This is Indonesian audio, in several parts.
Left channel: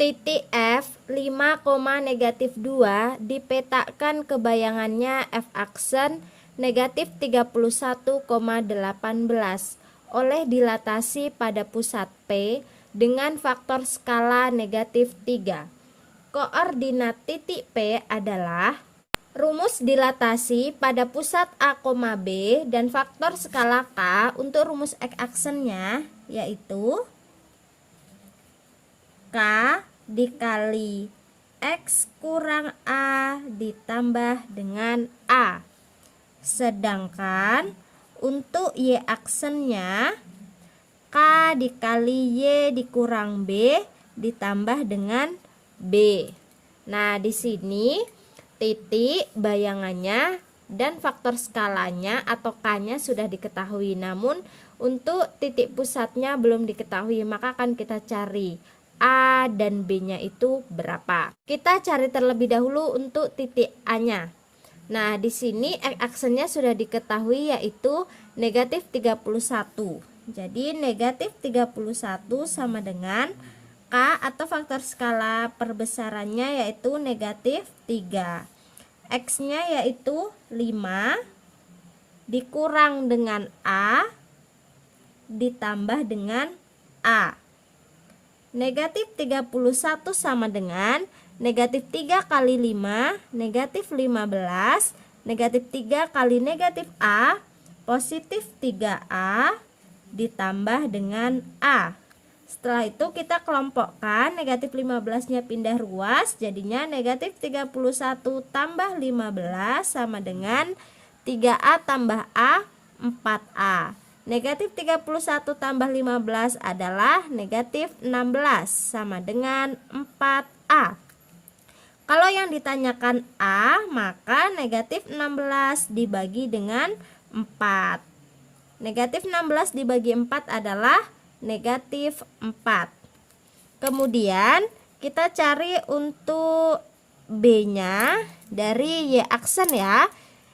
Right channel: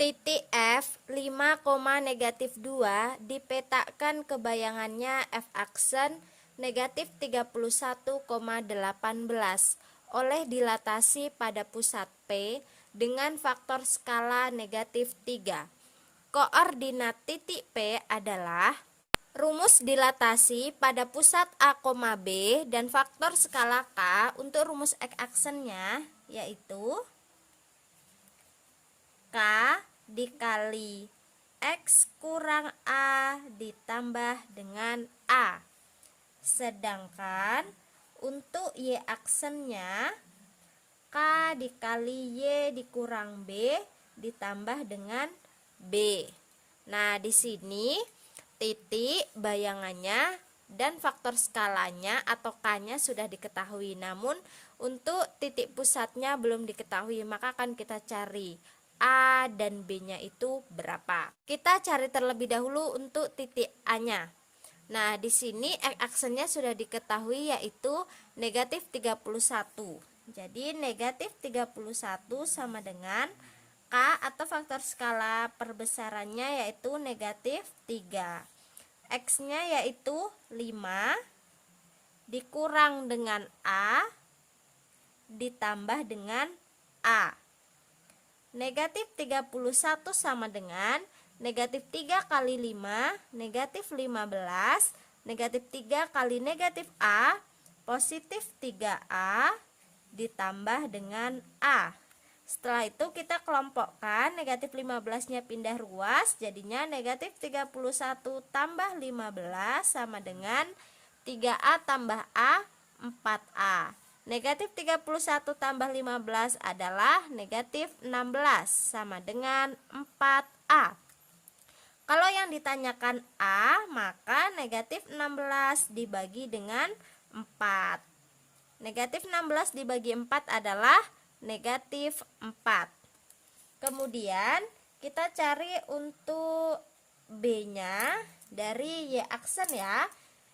Titik F 5,-2 dipetakan kebayangannya F aksen negatif 31,18 oleh dilatasi pada pusat P dengan faktor skala negatif 3. Koordinat titik P adalah rumus dilatasi pada pusat A, B dan faktor skala K untuk rumus X aksennya yaitu K dikali X kurang A ditambah dengan A. Sedangkan untuk Y aksennya K dikali Y dikurang B ditambah dengan B. Nah, di sini titik bayangannya dan faktor skalanya atau K-nya sudah diketahui. Namun untuk titik pusatnya belum diketahui, maka akan kita cari A dan B-nya itu berapa. Kita cari terlebih dahulu untuk titik A-nya. Nah, di sini X aksennya sudah diketahui yaitu negatif 31. Jadi negatif 31 sama dengan K atau faktor skala perbesarannya yaitu negatif 3. X-nya yaitu 5 dikurang dengan A ditambah dengan A. Negatif 31 sama dengan negatif 3 kali 5, negatif 15, negatif 3 kali negatif A, positif 3A, ditambah dengan A. Setelah itu kita kelompokkan, negatif 15-nya pindah ruas, jadinya negatif 31 tambah 15 sama dengan 3A tambah A, 4A. Negatif 31 tambah 15 adalah negatif 16 sama dengan 4A. Kalau yang ditanyakan A, maka negatif 16 dibagi dengan 4. Negatif 16 dibagi 4 adalah negatif 4. Kemudian kita cari untuk B-nya dari Y aksen ya.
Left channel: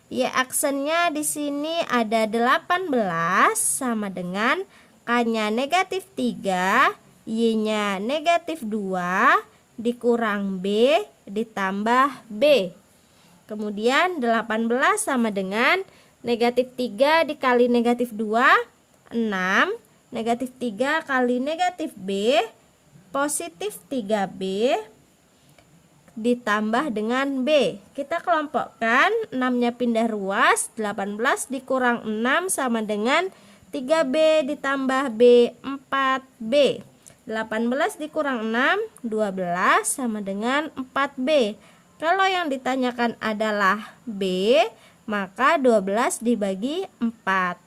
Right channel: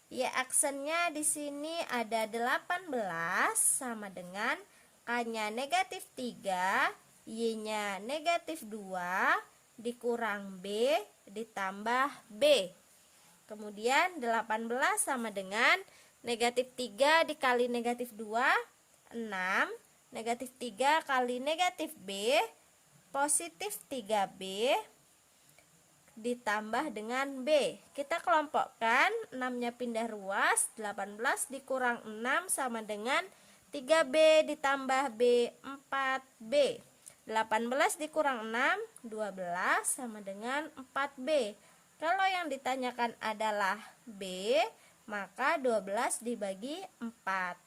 Y aksennya di sini ada 18 sama dengan K-nya negatif 3, Y-nya negatif 2, dikurang B, ditambah B. Kemudian 18 sama dengan negatif 3 dikali negatif 2, 6, negatif 3 kali negatif B, positif 3B, ditambah dengan B. Kita kelompokkan, 6-nya pindah ruas, 18 dikurang 6 sama dengan 3B ditambah B, 4B. 18 dikurang 6, 12 sama dengan 4B. Kalau yang ditanyakan adalah B, maka 12 dibagi 4.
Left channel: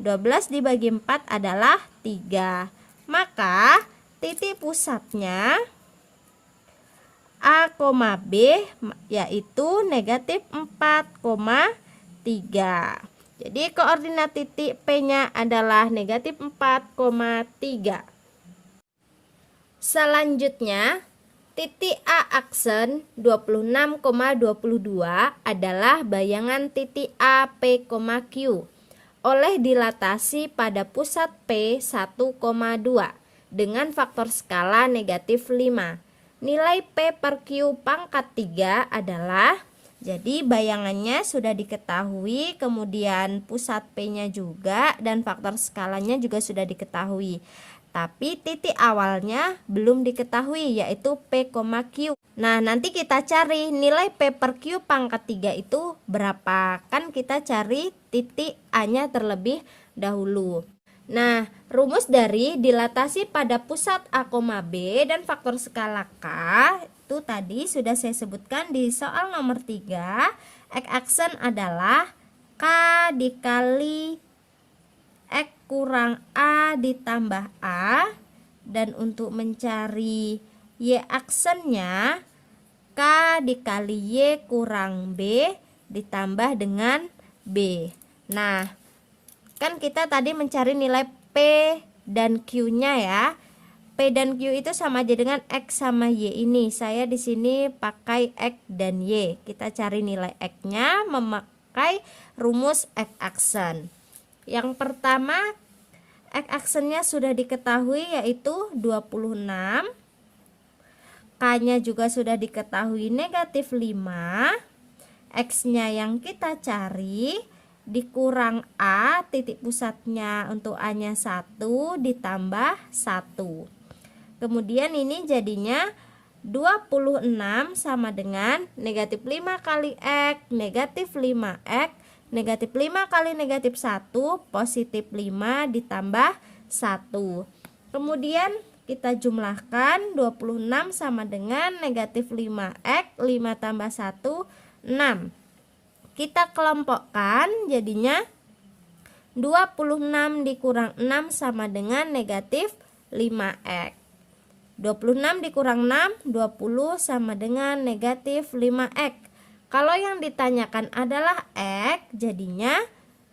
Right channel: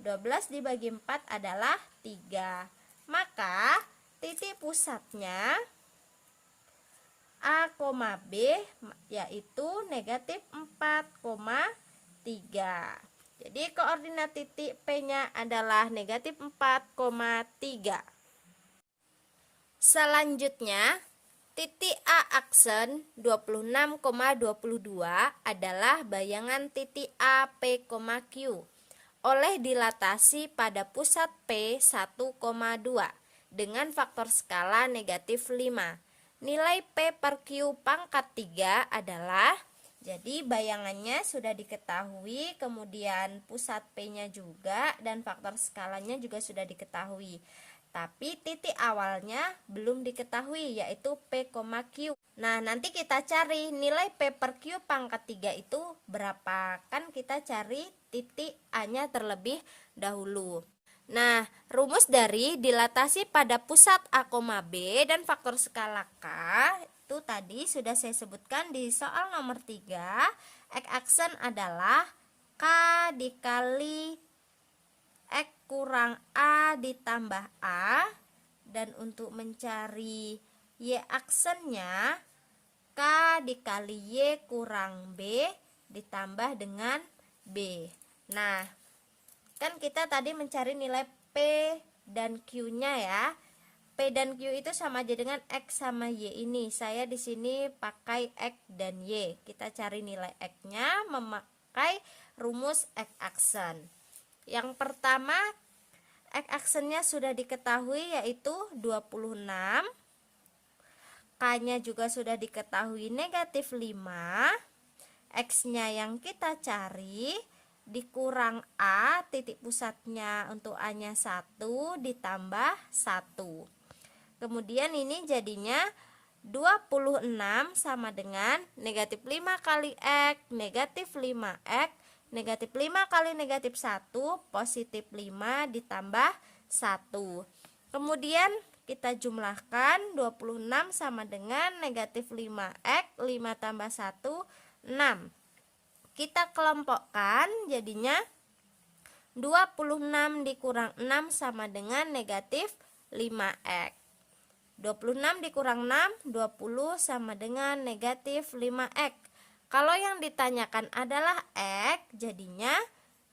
12 dibagi 4 adalah 3. Maka titik pusatnya A, B yaitu negatif 4,3. Jadi koordinat titik P-nya adalah negatif 4,3. Selanjutnya, titik A aksen 26,22 adalah bayangan titik A, P, Q oleh dilatasi pada pusat P 1,2 dengan faktor skala negatif 5. Nilai P per Q pangkat 3 adalah, jadi bayangannya sudah diketahui, kemudian pusat P-nya juga dan faktor skalanya juga sudah diketahui. Tapi titik awalnya belum diketahui yaitu P, Q. Nah, nanti kita cari nilai P per Q pangkat 3 itu berapa. Kan kita cari titik A-nya terlebih dahulu. Nah, rumus dari dilatasi pada pusat A, B dan faktor skala K itu tadi sudah saya sebutkan di soal nomor 3. X aksen adalah K dikali X kurang A ditambah A, dan untuk mencari Y aksennya K dikali Y kurang B ditambah dengan B. Nah, kan kita tadi mencari nilai P dan Q-nya ya. P dan Q itu sama aja dengan X sama Y ini. Saya di sini pakai X dan Y. Kita cari nilai X-nya memakai rumus X aksen. Yang pertama, X aksennya sudah diketahui yaitu 26 K-nya juga sudah diketahui negatif 5. X-nya yang kita cari dikurang A, titik pusatnya untuk A-nya 1 ditambah 1. Kemudian ini jadinya 26 sama dengan negatif 5 kali X, negatif 5X, negatif 5 kali negatif 1, positif 5 ditambah 1. Kemudian kita jumlahkan 26 sama dengan negatif 5X, 5 tambah 1, 6. Kita kelompokkan jadinya 26 dikurang 6 sama dengan negatif 5X. 26 dikurang 6, 20 sama dengan negatif 5X. Kalau yang ditanyakan adalah X, jadinya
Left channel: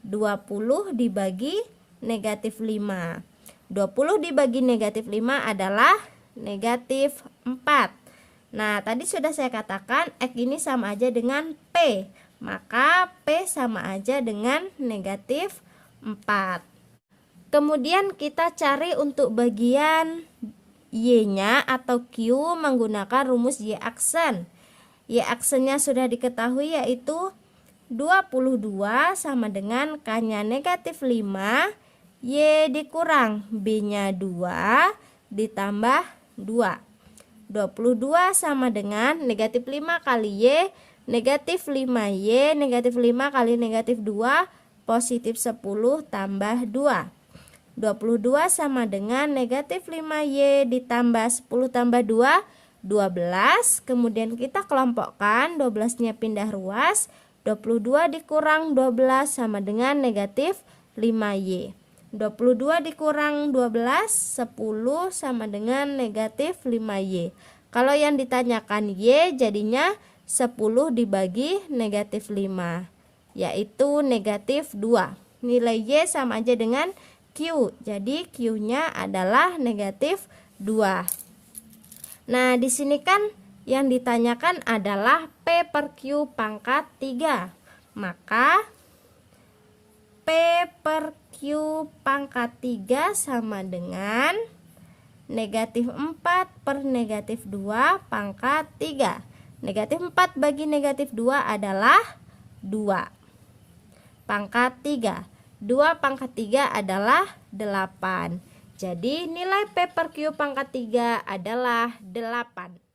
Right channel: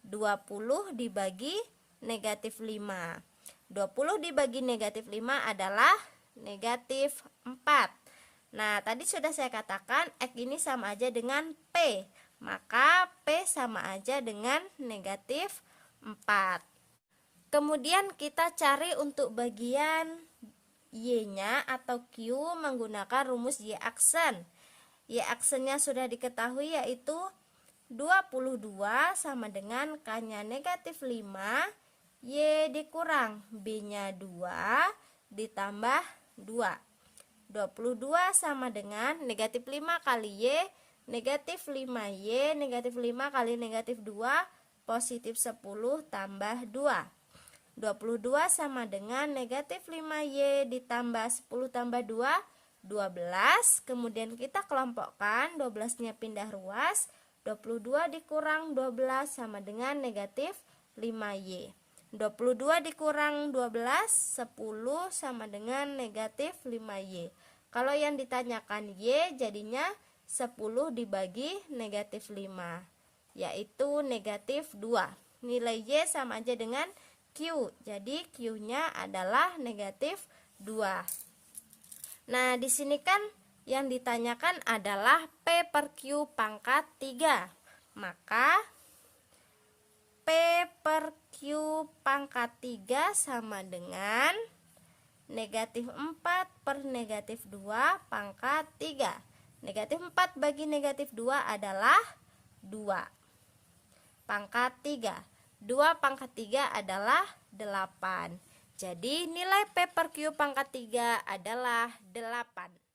20 dibagi negatif 5. 20 dibagi negatif 5 adalah negatif 4. Nah, tadi sudah saya katakan X ini sama aja dengan P. Maka P sama aja dengan negatif 4. Kemudian kita cari untuk bagian Y-nya atau Q menggunakan rumus Y aksen. Y aksennya sudah diketahui yaitu 22 sama dengan K-nya negatif 5, Y dikurang B-nya 2 ditambah 2. 22 sama dengan negatif 5 kali Y, negatif 5Y, negatif 5 kali negatif 2, positif 10 tambah 2. 22 sama dengan negatif 5Y ditambah 10 tambah 2, 12. Kemudian kita kelompokkan, 12-nya pindah ruas, 22 dikurang 12 sama dengan negatif 5Y. 22 dikurang 12, 10 sama dengan negatif 5Y. Kalau yang ditanyakan Y jadinya 10 dibagi negatif 5, yaitu negatif 2. Nilai Y sama aja dengan Q, jadi Q-nya adalah negatif 2. Nah, di sini kan yang ditanyakan adalah P per Q pangkat 3. Maka P per Q pangkat 3 sama dengan negatif 4 per negatif 2 pangkat 3. Negatif 4 bagi negatif 2 adalah 2. Pangkat 3. 2 pangkat 3 adalah 8. Jadi nilai P per Q pangkat 3 adalah 8.